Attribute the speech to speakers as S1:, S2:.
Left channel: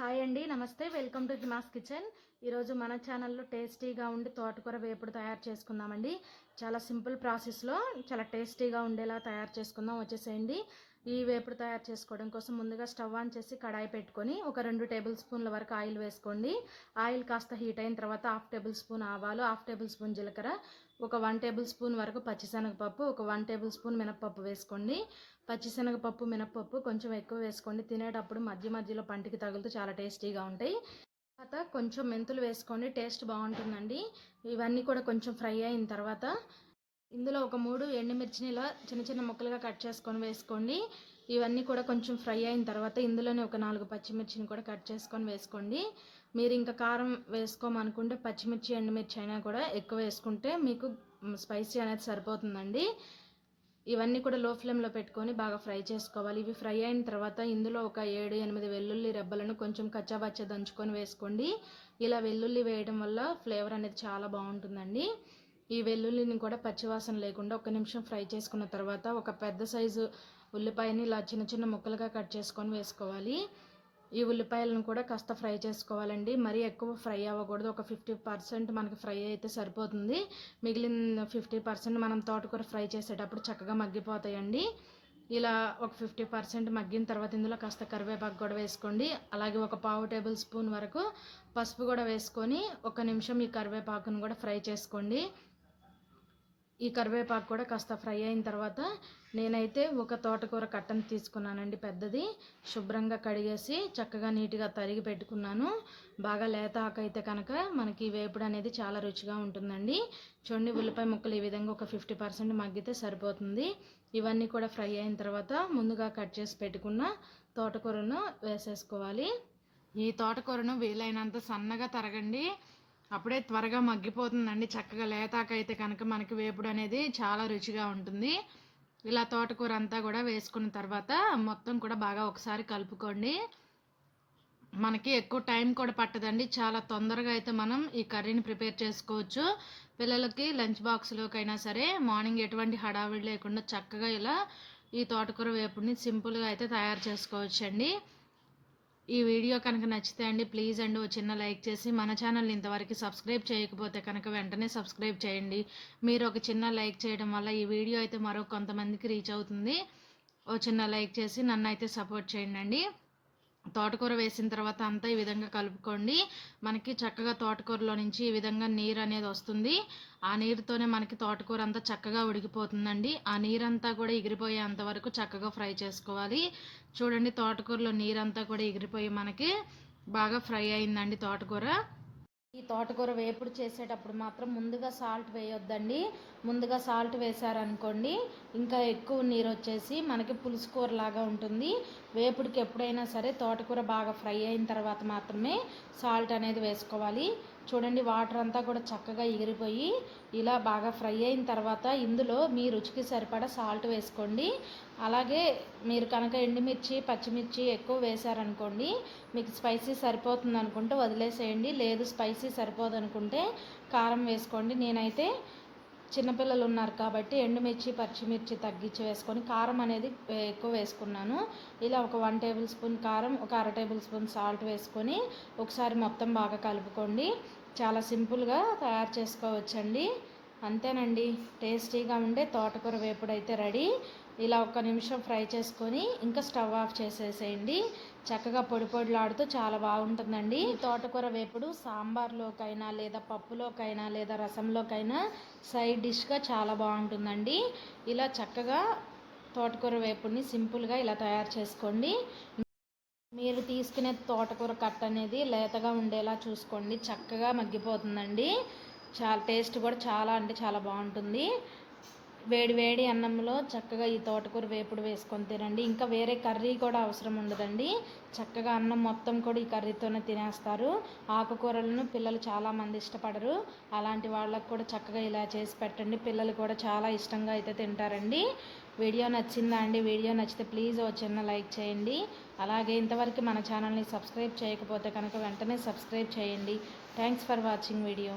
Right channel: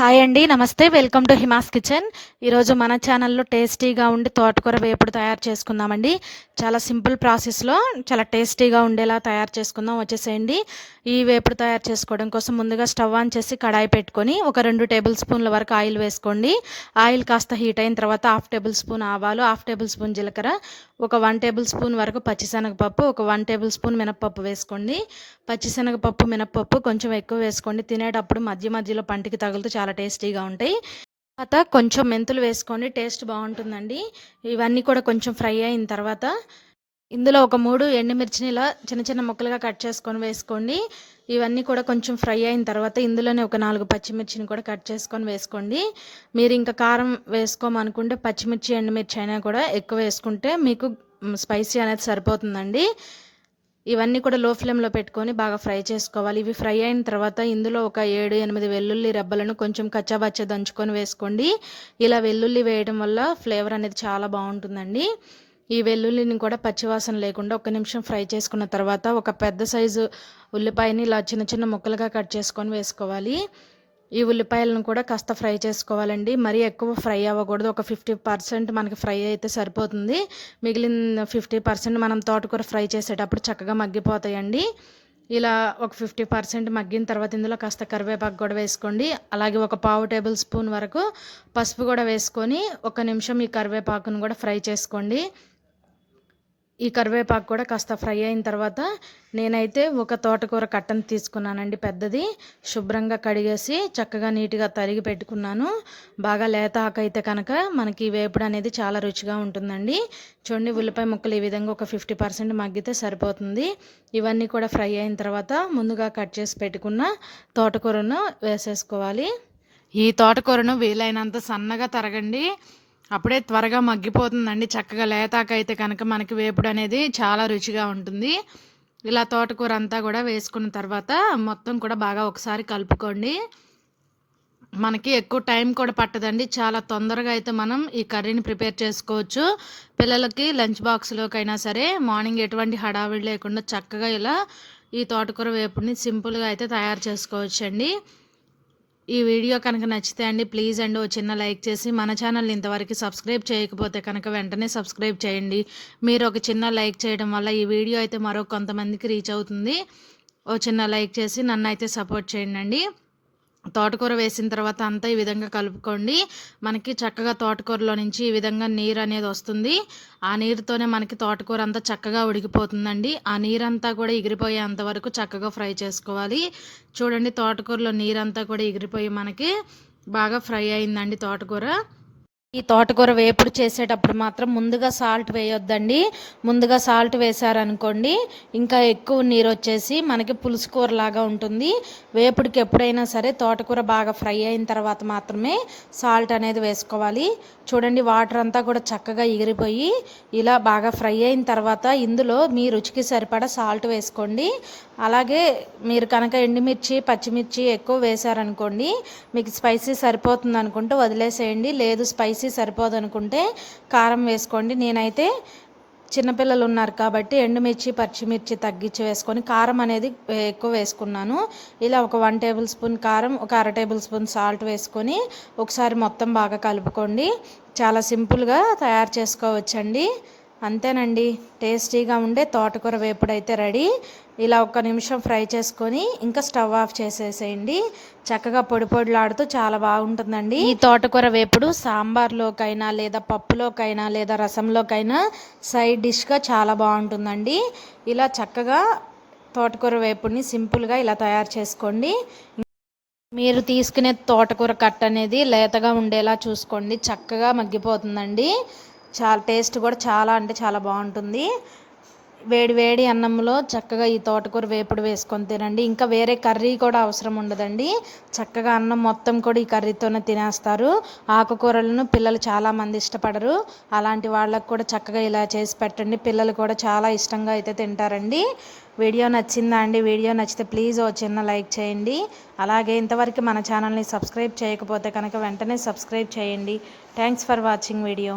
S1: Hi అండి నమస్తే. Welcome to Hima's kitchen. ఈరోజు మన ఛానల్లో టేస్టీగా ఉండి తోటకూర వేపుడు తయారు చేసుకుందామండి. చాలా సింపుల్ ప్రాసెస్లో చాలా టేస్టీగా ఉండేలా తయారు చేసుకుందాం వచ్చేసేయండి. ఈ వేపుడు తయారు చేసుకోవడం కోసం ముందుగా స్టవ్ ఆన్ చేసి కడాయి పెట్టుకొని ఒక రెండు టేబుల్ స్పూన్ల వరకు ఆయిల్ వేసుకోండి. ఆయిల్ కాస్త హీట్ అయిన తర్వాత హాఫ్ టేబుల్ స్పూన్ ఆవాలు హాఫ్ టేబుల్ స్పూన్ జీలకర్ర ఒక వన్ టేబుల్ స్పూన్ వరకు పచ్చిశనగపప్పు ఒక వన్ టేబుల్ స్పూన్ మినప్పప్పు వేసుకోండి. పచ్చిశనగపప్పు మినప్పప్పు కొంచెం ఎక్కువ వేసుకోండి. తినేటప్పుడు మధ్య మధ్యలో పంటికి తగులుతూ చాలా టేస్టీగా ఉంటాయి. తర్వాత కొంచెం మెంతులు వేసుకోండి టేస్ట్ బాగుంటుందండి. ఇవన్నీ కూడా కొంచెం ఫ్రై అయిన తర్వాత ఇందులో ఒక మూడు ఎండుమిర్చిని ఇలా చిన్న చిన్న ముక్కలుగా కట్ చేసుకొని వేసుకోండి. ఇవన్నీ కూడా కొంచెం ఫ్రై అయిన తర్వాత ఇందులోనే ఒక నాలుగు పచ్చిమిర్చిని కూడా కట్ చేసుకొని వేసుకోండి. మీరు ఇంకా కారం వేసుకోమనుకుంటే పచ్చిమిర్చి ఎండుమిర్చి అయినా కూడా ఎక్కువ వేసుకుంటే మీకు స్పైసీ అనేది సరిపోతుందండి. ఇవన్నీ కూడా లో ఫ్లేమ్లో పెట్టుకొని బాగా ఫ్రై చేసుకోవాలి. ఇవి ఫ్రై అయిన తర్వాత ఇందులో ఒక ఏడు ఎనిమిది వెల్లుల్లి రెబ్బలను కొంచెం కచ్చాబచ్చ దంచుకొని వేసుకోండి. ఇలా వెల్లుల్లి వేయడం వల్ల ఫ్లేవర్ అనేది చాలా బాగుంటుందండి. ఈ వెల్లుల్లిని కూడా పచ్చివాసన లేకుండా ఒక నిమిషం ఫ్రై చేసుకున్న తర్వాత ఒక పెద్ద సైజు ఉల్లిపాయని ఇలా చిన్న చిన్న ముక్కలుగా కట్ చేసుకొని వేసుకోవాలి. ఈ ఉల్లిపాయలను కూడా కాస్త ఫ్రై చేసుకోవాలండి. మరీ ఎక్కువ ఫ్రై అవ్వకూడదు. ఒక ఫిఫ్టీ పర్సెంట్ మనకి ఫ్రై అయితే సరిపోతుంది. మిగిలిన ఫిఫ్టీ పర్సెంట్ మనం తోటకూర ఫ్రై చేసేటప్పుడు చక్కగా మగ్గిపోతాయండి. ఇలా ఒక ఫిఫ్టీ పర్సెంట్ మగ్గిన తర్వాత ఇందులో కాస్త కరివేపాకు కూడా వేసుకోండి. అలాగే ఒక పావు టేబుల్ స్పూన్ వరకు పసుపు కూడా వేసుకొని ఒక నిమిషం ఈ కరివేపాకును కూడా ఫ్రై చేసుకోండి. ఈ కరివేపాకు కూడా కాస్త ఫ్రై అయిన తర్వాత నేనైతే ఒక తోటకూర కట్టను తీసుకున్నానండి పెద్దది. శుభ్రంగా కడిగేసి చక్కగా నీట్గా తరిగి పెట్టుకున్నాను. బాగా లేత ఆకైతే కనుక మనకి వేపుడు అనేది చాలా రుచిగా ఉంటుందండి. చూడండి ఉల్లిపాయ ముక్కలు ఈ విధంగా ఒక ఫిఫ్టీ పర్సెంట్ మగ్గితే సరిపోతుంది. ఇవన్నీ కూడా ఫ్రై అయిన తర్వాత ముందుగా కట్ చేసి పెట్టుకున్న తోటకూరను వేసేసుకోవాలి. ఈ తోటకూరను వీలైనంత సన్నగా తరగండి. అప్పుడే త్వరగా మగ్గిపోతుందండి. చక్కగా లేతాకైతే కనుక మనకి వేపుడు అనేది చాలా రుచిగా ఉంటుంది. ఇలా తోటకూర అంతా కూడా వేసుకున్న తర్వాత మొత్తం కూడా బాగా ఒకసారి కలుపుకోండి. మనకి ఎక్కువ టైం కూడా పట్టదండి. చాలా తొందరగా అయితే మనం ఈ కర్రీని ప్రిపేర్ చేసుకోవచ్చు. పిల్లలకి లంచ్ బాక్స్లోకైనా సరే మార్నింగ్ ఎటువంటి హడావిడి లేకుండా చక్కగా ఇలా ఈ తోటకూర వేపుడిని సింపుల్గా అయితే తయారు చేసుకోవచ్చండి. ఈ వీడియో కనుక నచ్చితే అండి ప్లీజ్ అండి ఓ చిన్న లైక్ చేసి మన ఛానల్ని ఇంతవరకు సబ్స్క్రైబ్ చేయకపోతే కనుక వెంటనే సబ్స్క్రైబ్ చేయండి. మీరు ఒక చిన్న లైక్ చేయడం వల్ల ఈ వీడియో అయితే మరో కొంతమందికి రీచ్ అవుతుంది. ఓ చిన్న లైక్ చేసి నన్ను అయితే సపోర్ట్ చేయండి తోటకూర వేసిన తర్వాత అంతా ఈ విధంగా కలుపుకోండి. మనకి చక్కగా తోటకూరలో నుంచి ఈ విధంగా నీరు అనేది వస్తుంది. ఆ నీరుతోనే మనకి తోటకూర అంతా చక్కగా ఉడికిపోతుందండి. ఆ నీరంతా కూడా ఎగిరిపోయేంత వరకు చక్కగా ఫ్రై చేసుకోవాలి. చూడండి తోటకూరలో నీరంతా కూడా ఎగిరిపోయి మనకి బాగా ఫ్రై అయిందండి తోటకూర. ఈ తోటకూర వేపుడు చేసేటప్పుడు మాత్రం ముందుగా సాల్ట్ వేయొద్దండి. ముందుగా సాల్ట్ వేశారనుకోండి ఇంకా ఎక్కువ నీరు వచ్చేసి మనకి పులుసు కూర లాగా ఉంటుంది. వేపుడికి ఎప్పుడైనా సరే తోటకూర బాగా ఫ్రై అయిన తర్వాత మాత్రమే సాల్ట్ అనేది వేసుకోవాలి. చూడండి వాటర్ అంతా కూడా చక్కగా ఎగిరిపోయి ఇలా బాగా ఫ్రై అయిన తర్వాత ఇందులో మీ రుచికి సరిపడా సాల్ట్ వేసుకోండి. అలాగే మీరు కనుక ఎండుమిర్చి పచ్చిమిర్చి ఎక్కువ వేశారనుకోండి మీకు స్పైసీ సరిపోతుంది అనుకుంటే వదిలేసేయండి. లేదు స్పైసీ సరిపోదు అనుకుంటే కారం వేసుకోండి. నేనైతే చిన్నపిల్లలు ఉన్నారు కాబట్టి ఎండుమిర్చి పచ్చిమిర్చి తగ్గించి వేసుకొని కారం అనేది ఎక్కువ వేసుకున్నాను. ఇలా ఒక వన్ టేబుల్ స్పూన్ కారం ఒక అర టేబుల్ స్పూన్ సాల్ట్ వేసుకొని ఒకసారి మొత్తం బాగా కలుపుకోండి. చాలా సింపుల్గా తయారు చేసుకోవచ్చండి. అంతేనండి. టేస్టీగా ఉండే తోటకూర వేపుడు అయితే రెడీ. ఇలా ఒక్క నిమిషం ఫ్రై చేసుకొని ఇంకా స్టవ్ ఆఫ్ చేసేసేయండి. చక్కగా పొడి పొడిలాడుతూ చాలా బాగుంటుందండి. ఈ తోటకూర వేపుడు సాంబార్లోకైనా లేదా పప్పులోకైనా లేదా రసంలోకైనా సైడ్ డిష్గా చాలా బాగుంటుందండి. ఇలా చక్కగా తోటకూర వేపుడిని సింపుల్గా ఇలా తయారు చేసుకోండి. మీరు తీసుకునే తోటకూర కట్ట అనేది లేతగా ఉండేలా చూసుకోండి. చక్కగా మగ్గిపోతుందండి. చాలా టేస్ట్ కూడా చాలా అంటే చాలా బాగుంటుంది. వేడి వేడి అన్నంలో చక్కగా ఈ తోటకూర వేపుడు వేసుకొని తినండి. ఇంకా వేరే కర్రీ కూడా అవసరం ఉండదండి. చక్కగా అన్నం మొత్తం కూడా ఈ కర్రీతోనే తినేస్తారు. ఆకుకూరలను పిల్లలు చాలామంది ఇష్టపడరు. అలాంటి వాళ్ళకు కూడా చక్కగా ఇలా చేసి పెట్టండి. పిల్లలు కూడా చాలా ఇష్టంగా అయితే తింటారండి. వీడియో నచ్చిందా అండి? వీడియో నచ్చితే ప్లీజ్ ఓ చిన్న లైక్ చేయండి. అలాగే ఇంతవరకు మన ఛానల్ని సబ్స్క్రైబ్ చేయకపోతే కనుక వెంటనే సబ్స్క్రైబ్ చేయండి. Thanks for watching video.